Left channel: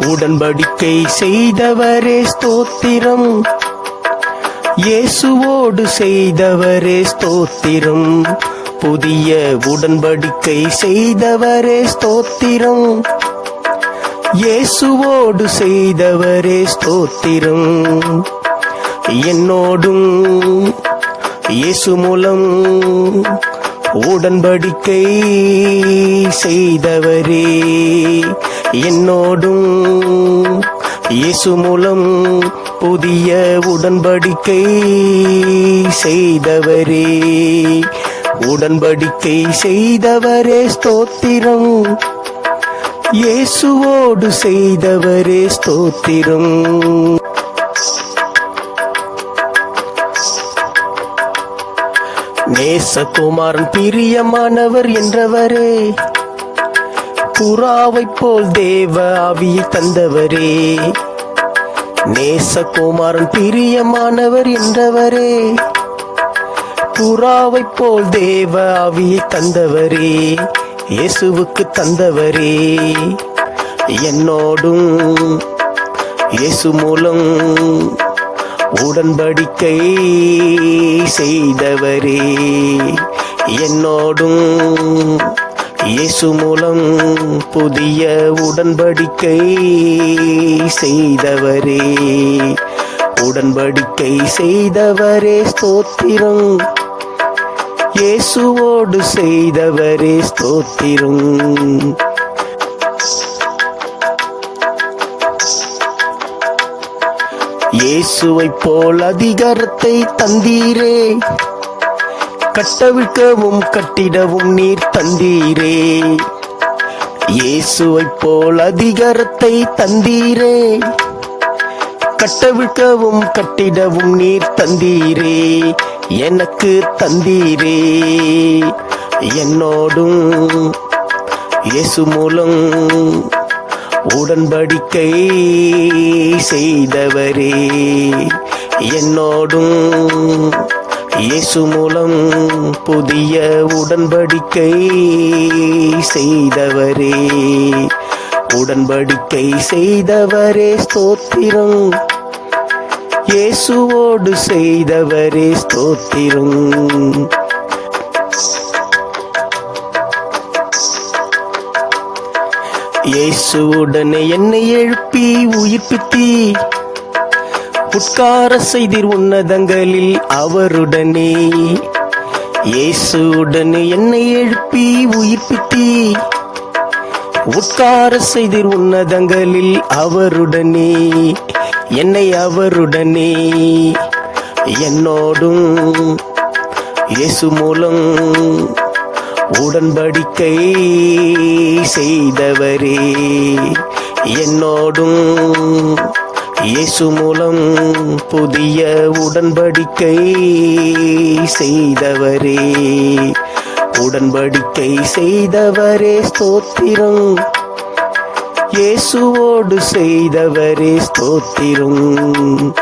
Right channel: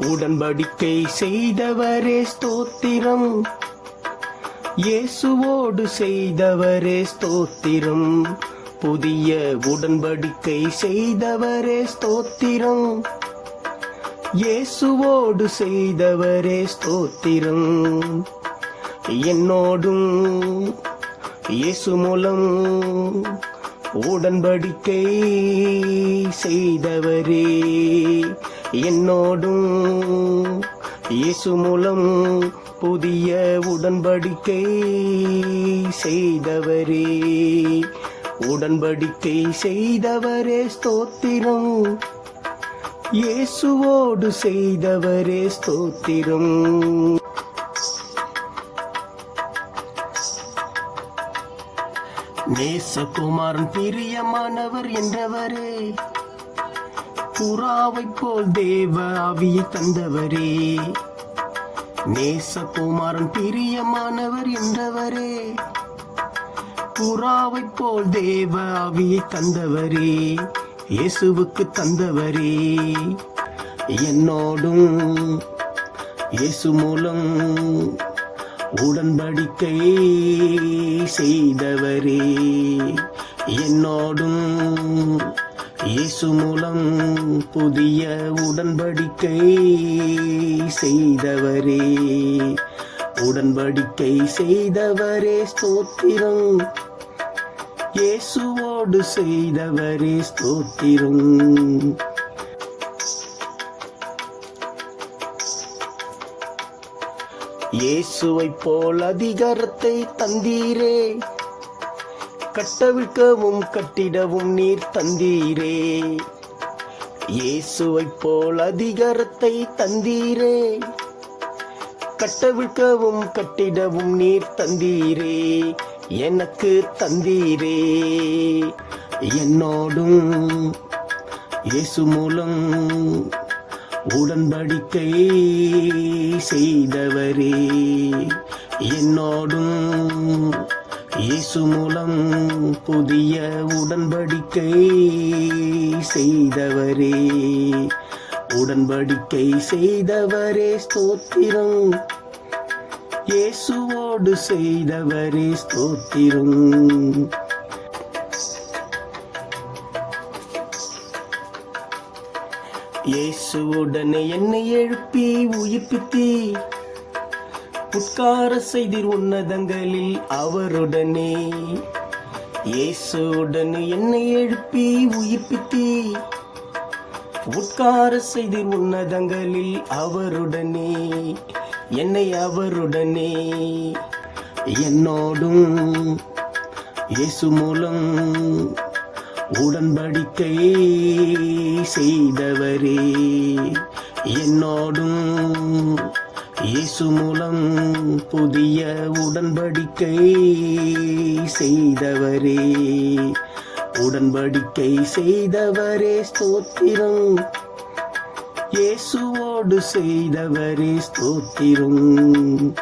உடன்படிக்கை செய்தவரே ஸ்தோத்திரம். இயேசுவோடு செய்தவரே ஸ்தோத்திரம். புதிய உடன்படிக்கை செய்தவரே ஸ்தோத்திரம். இயேசுவோடு செய்தவரே ஸ்தோத்திரம். என்னோடும் இயேசு மூலம் உடன்படிக்கை செய்தவரே. என்னோடும் இயேசு மூலம் புதிய உடன்படிக்கை செய்தவரே. உடன்படிக்கை செய்தவரே ஸ்தோத்திரம். இயேசுவோடு செய்தவரே ஸ்தோத்திரம். நேசகுமாரன் பிரியமானவர் என்றவரே. புறாவைப் போல் தேவ ஆவியை தந்தவரே. நேசகுமாரன் பிரியமானவர் என்றவரே. புறாவைப் போல் தேவ ஆவியை தந்தவரே. இயேசுவுக்கு தந்தவரே. என்னோடும் இயேசு மூலம் உடன்படிக்கை செய்தவரே. என்னோடும் இயேசு மூலம் புதிய உடன்படிக்கை செய்தவரே. உடன்படிக்கை செய்தவரே ஸ்தோத்திரம். இயேசுவோடு செய்தவரே ஸ்தோத்திரம். இயேசுவைப் போல் அதிகாரத்தை தந்தீரே. கட்டவிழ்க்கவும் கட்டிடவும் நீர் தந்தீரே. இயேசுவைப் போல் அதிகாரத்தை தந்தீரே. கட்டவிழ்க்கவும் கட்டிடவும் நீர் தந்தீரே. எனக்கு தந்தீரே. என்னோடும் இயேசு மூலம் உடன்படிக்கை செய்தவரே. என்னோடும் இயேசு மூலம் புதிய உடன்படிக்கை செய்தவரே. உடன்படிக்கை செய்தவரே ஸ்தோத்திரம். இயேசுவோடு செய்தவரே ஸ்தோத்திரம். இயேசுவுடனே என்னை எழுப்பி உயிர்ப்பித்தி புட்கார செய்தீர் உன்னதங்களில் அவருடனே. இயேசுடனே என்னை எழுப்பி உயிர்ப்பித்தீ. உட்கார செய்தீர் உன்னதங்களில் அவருடனே. என்னை அவருடனே. என்னோடும் இயேசு மூலம் உடன்படிக்கை செய்தவரே. என்னோடும் இயேசு மூலம் புதிய உடன்படிக்கை செய்தவரே. உடன்படிக்கை செய்தவரே ஸ்தோத்திரம். இயேசுவோடு செய்தவரே ஸ்தோத்திரம்.